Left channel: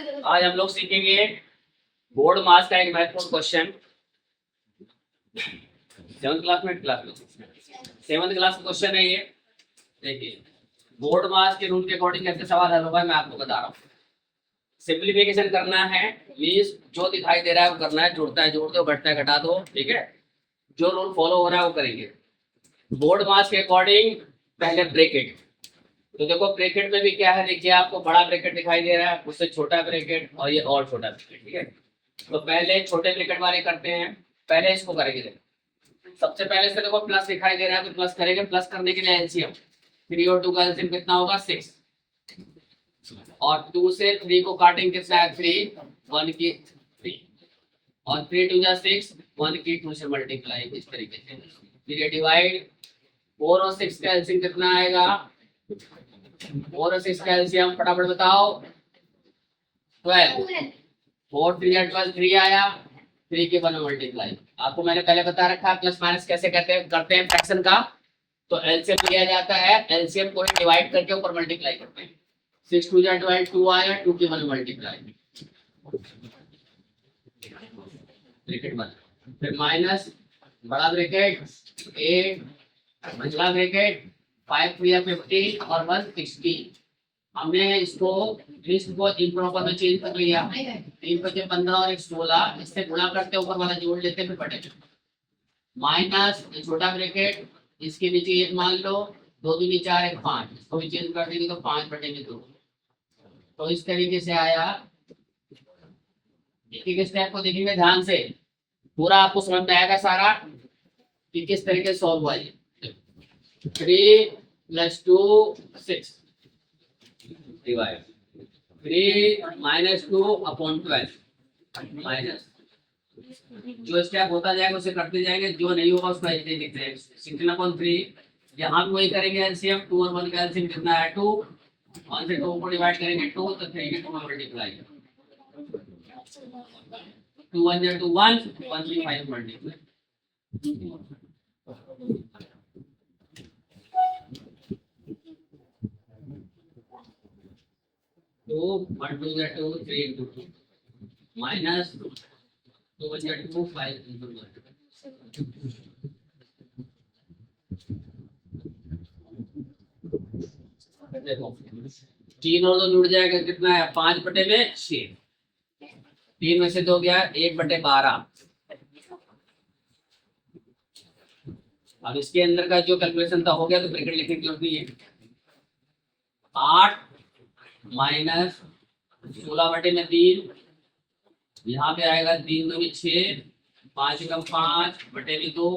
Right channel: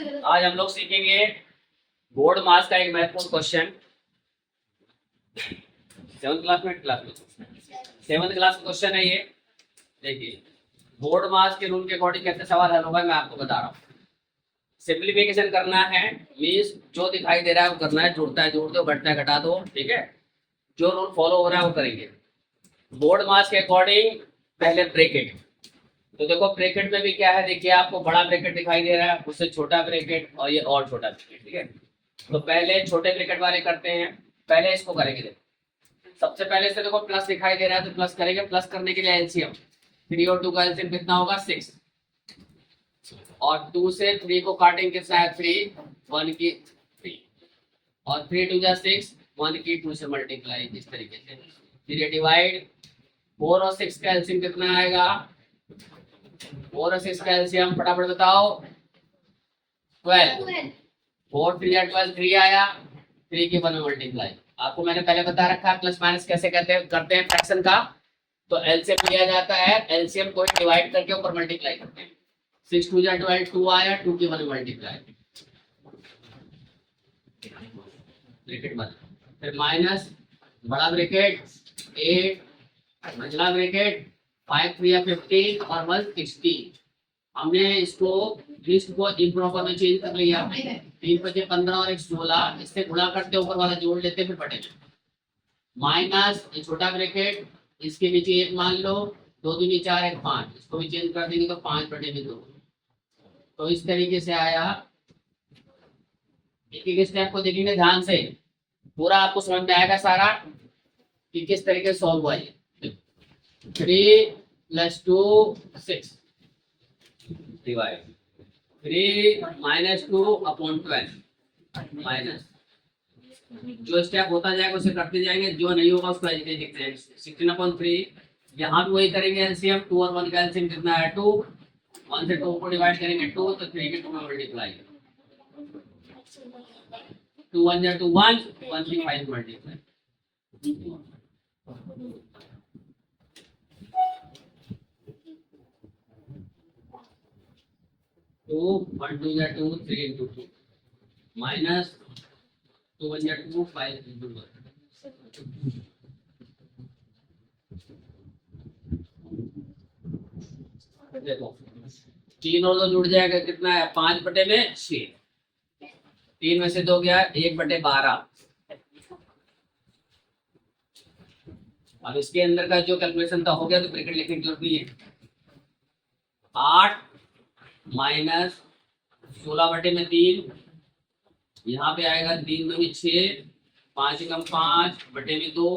आज हम लोग सीखेंगे बोर्ड मास का एक महत्वपूर्ण क्वेश्चन। सेवंथ क्लास में सेवंथ क्लास का क्वेश्चन है ये। देखिए, बोर्ड मास के रूल के अकॉर्डिंग कैसे सवाल हल होगा मैं आपको बता रहा हूँ। सिंप्लीफिकेशन करना है, मीन्स जो दिखाई दे रहा है वो करना है, जुड़ता है जोड़ दो, घटता है घटा दो, ठीक है। जो रूल फॉलो हो रहा है वो करेंगे। बोर्ड मास के अकॉर्डिंग पहले ब्रैकेट, तो देखो ब्रैकेट में भी क्या है, देखिए आपको बड़ा ब्रैकेट दिखाई दे रहा है, उससे छोटा ब्रैकेट और ये और छोटा ब्रैकेट, ठीक है। तो पहले छोटे ब्रैकेट वाले करते हैं, पहले इसको करेंगे। देखो सबसे पहले से देखो प्लस दिखाई दे रहा है तो प्लस करेंगे। प्लस करने के लिए एलसीएम 3 और 2 का एलसीएम कितना होगा 6, और 2 से 3 को काटेंगे कितना है 3, 1 की 3, और 3 2 जा 6, 1 की 2 से मल्टीप्लाई, इस तरीके से फिर डिवाइड। 4 और 6 का एलसीएम कितना आएगा, 4 और 6 का एलसीएम फटाफट बताओ 12, 4 3 या 12 3 आया, 3 के 1 मल्टीप्लाई। आपको मैंने पहले बता रखा है प्लस माइनस कैसे करते हैं फ्रैक्शन का। तो एलसीएम लिया जाता है, एलसीएम को डिवाइड करके ऊपर मल्टीप्लाई करते हैं। 6 2 जा 12 2 आया, 2 के 1 मल्टीप्लाई, ब्रैकेट बंद। फिर माइनस बड़ा ब्रैकेट 8, मंझला ब्रैकेट 5 3 या 15 और 1 16। हमने इसको लिस्ट को इम्प्रॉपर में चेंज कर लिया। 3 बचे 15 और 1 16, इससे गुणा करते ऊपर वाला जोड़ लेते फिर बटे। माइनस छोटा ब्रैकेट, इसके नीचे 1 मान लो, 2 दूनी 4 1 5, इसको भी चेंज कर देंगे तो 5 बटे में 2। तो इस तरीके से आया। एक एक स्टेप को देखेंगे ध्यान से, पूरा आपको समझ में आएगा सारा कि किस तरीके से सॉल्व हुआ ये। 3 + 2 6 डिवाइड 3 - 2/12 माइनस। जो स्टेप होता जाएगा उसे करते जाएंगे, जो नहीं होगा उसको ऐसे लिखते हैं 16/3। यहाँ भी वही करेंगे एलसीएम। 2 और 1 का एलसीएम कितना है 2, 1 से 2 को डिवाइड करेंगे 2, तो 3 के 2 में मल्टीप्लाई, 2 1 जा 2 1, 1 3 5 मल्टीप्लाई। तो 1 2 जा 2, 3 into 2 माइनस 2 1 जा 2, 5 into 1। देखो 3 और 2 जुड़ जाएगा, कितना है 5 बटे में 6, 3 में से 2 गया 1 बटे 12। अब इसके अंदर का जो कैलकुलेशन था हो गया, तो ब्रैकेट लिखने की जरूरत नहीं है। 8 माइनस 16 बटे में 3, यहाँ पे आएगा 3 2 6, 5 कम 5 बटे में 2।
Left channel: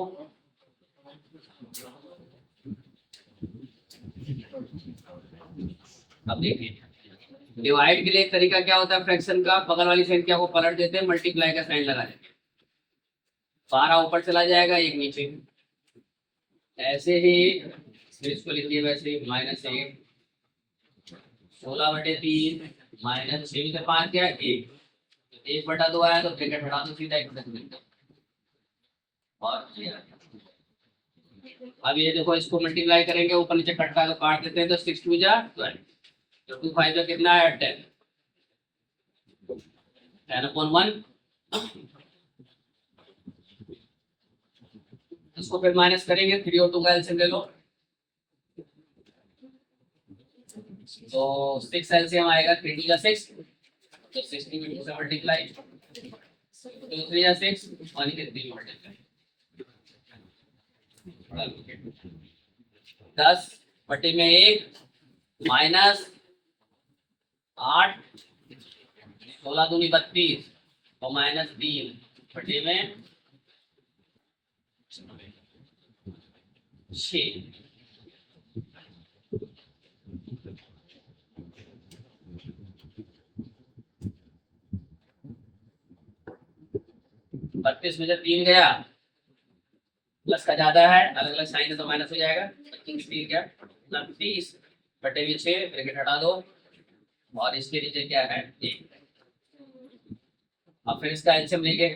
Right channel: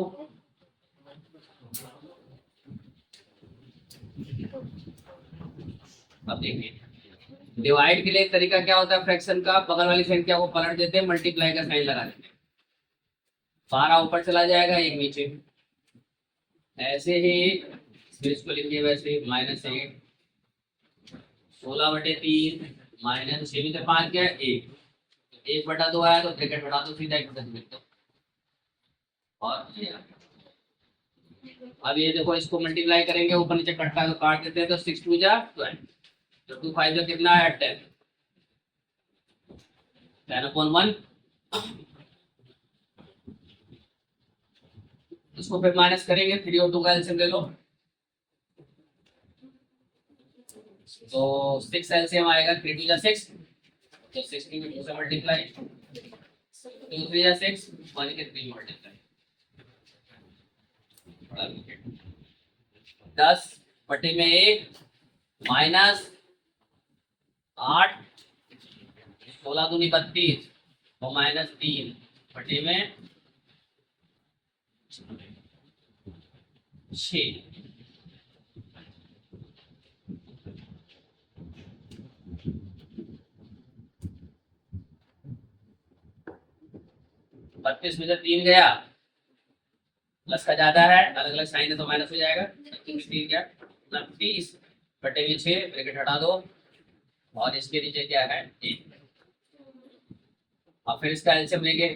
अब देखिए डिवाइड के लिए एक तरीका क्या होता है फ्रैक्शन का, बगल वाली संख्या को पलट देते हैं, मल्टीप्लाई का साइन लगा देते हैं, 12 ऊपर चला जाएगा 1 नीचे। ऐसे ही इसको लिखिए वैसे ही -8, 16 बटे 3 माइनस 6 में से 5 गया 1, 1 बटा 2 आया तो ब्रैकेट हटा दो, सीधा 1 बटा 2। और ये अब ये देखो इसको मल्टीप्लाई करेंगे, ऊपर नीचे कटता है तो काट देते हैं, तो 6 2 जा 12, तो 2 5 का कितना है 10, 10/1। इसको फिर माइनस करेंगे, 3 और 2 का एलसीएम ले लो, तो 6 एलसीएम आएगा, 3 2 जा 6, तो 6 की 2 से मल्टीप्लाई, 2 3 जा 6, 1 के 3 मल्टीप्लाई, 10 बटे में 1 माइनस 8, 16 दूनी 32 और -3 बटे में 6। बत्तीस में से 3 गया, प्लस का ज्यादा है, अलग अलग साइन है तो माइनस हो जाएगा, 3 गया 29 बटे में 6, ब्रैकेट हटा दो, और इसके नीचे क्या है 1। अब फिर इसका एलसीएम लेंगे,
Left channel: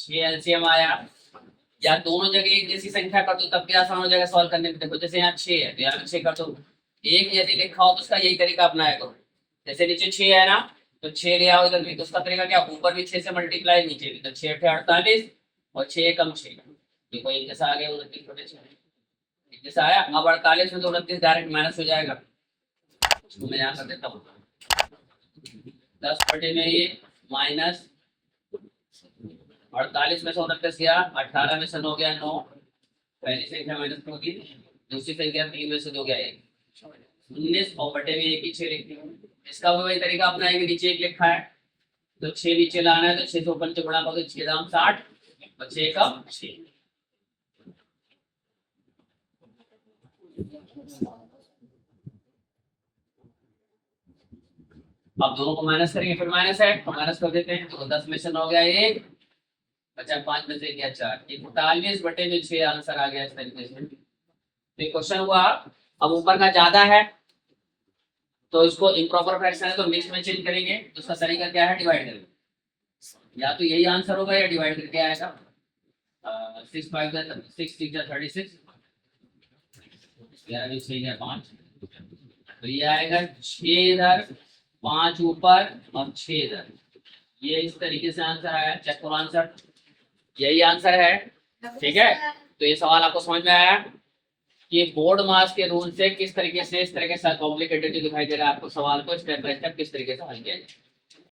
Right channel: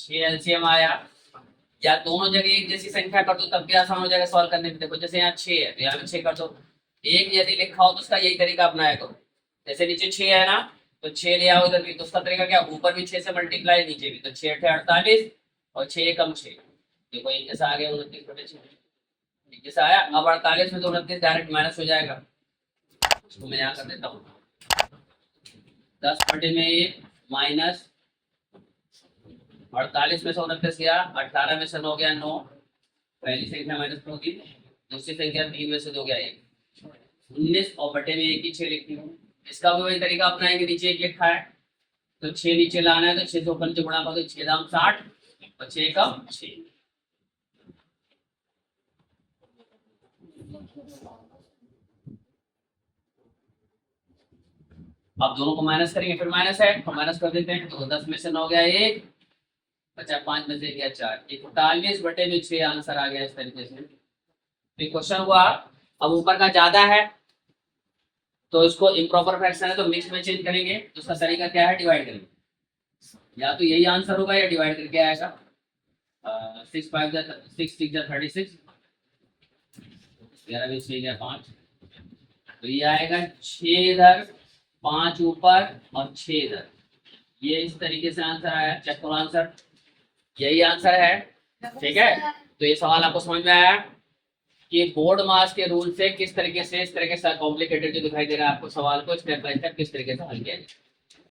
6 एलसीएम आया, या दोनों जगह एक जैसी संख्या कर दो तब भी आसान हो जाएगा सॉल्व करने में। देखो जैसे यहाँ 6 है तो यहाँ भी 6 कर दो, एक यदि लिखा हो तो उसका यही तरीका अपनाया करो। जैसे नीचे 6 है ना, तो 6 ले आओ इधर भी, तो उसका तरीका क्या, ऊपर भी 6 से मल्टीप्लाई, नीचे भी, तो 6 8 48 और 6 कम 6, देखो एक जैसा आ गया 29 बटे 6, एक जैसा आया। अब 48 में तो 29 डायरेक्ट माइनस हो जाएगा, उसको मैं यहाँ कर देता हूँ 10 बटे में ये माइनस 48 में से 29 गया, 18 में से 9 गया 9, पहली संख्या माइनस होगी, दूसरी संख्या 3 में से 2 गया 1, 19 और बटे में 1 ही 6 लिखती हूँ। इसका भी वही तरीका अपनाएंगे, नीचे 1 लिखा है तो 6 नीचे लाना है, तो 6 से ऊपर गुणा करो, 6 दाम 60 और 6 कम 6। अब दोनों को माइनस करेंगे, फिर माइनस है तो माइनस कर देते हैं, तो 10 में से 9 गया 1, बचा 5 में से गया 4, 41 बटे में 6 आंसर आ गया इस तरीके से। तो क्वेश्चन हुआ, अब ऊपर का ज्यादा है तो इसको इम्प्रॉपर फ्रैक्शन है तो मिक्स में चेंज करेंगे, तो उसका तरीका क्या है, डिवाइड करेंगे, या तो यही आंसर होगा या डिवाइड करके आएगा। 6 5 6 6 36, 11 में 6 गया 5, तो ये आएगा 6 इधर 5 ऊपर और 6 इधर, ये इस तरीके से आंसर आया। चेक करो आंसर, यही आंसर है, ठीक है। तो ये सवाल आपको समझ में आया कि बोर्ड मास के रूल से किस तरीके से इस तरह के कॉम्प्लिकेटेड दिखाई दे रहा है आपको, सवाल को स्टेप बाय स्टेप किस तरीके से हल किया जाए।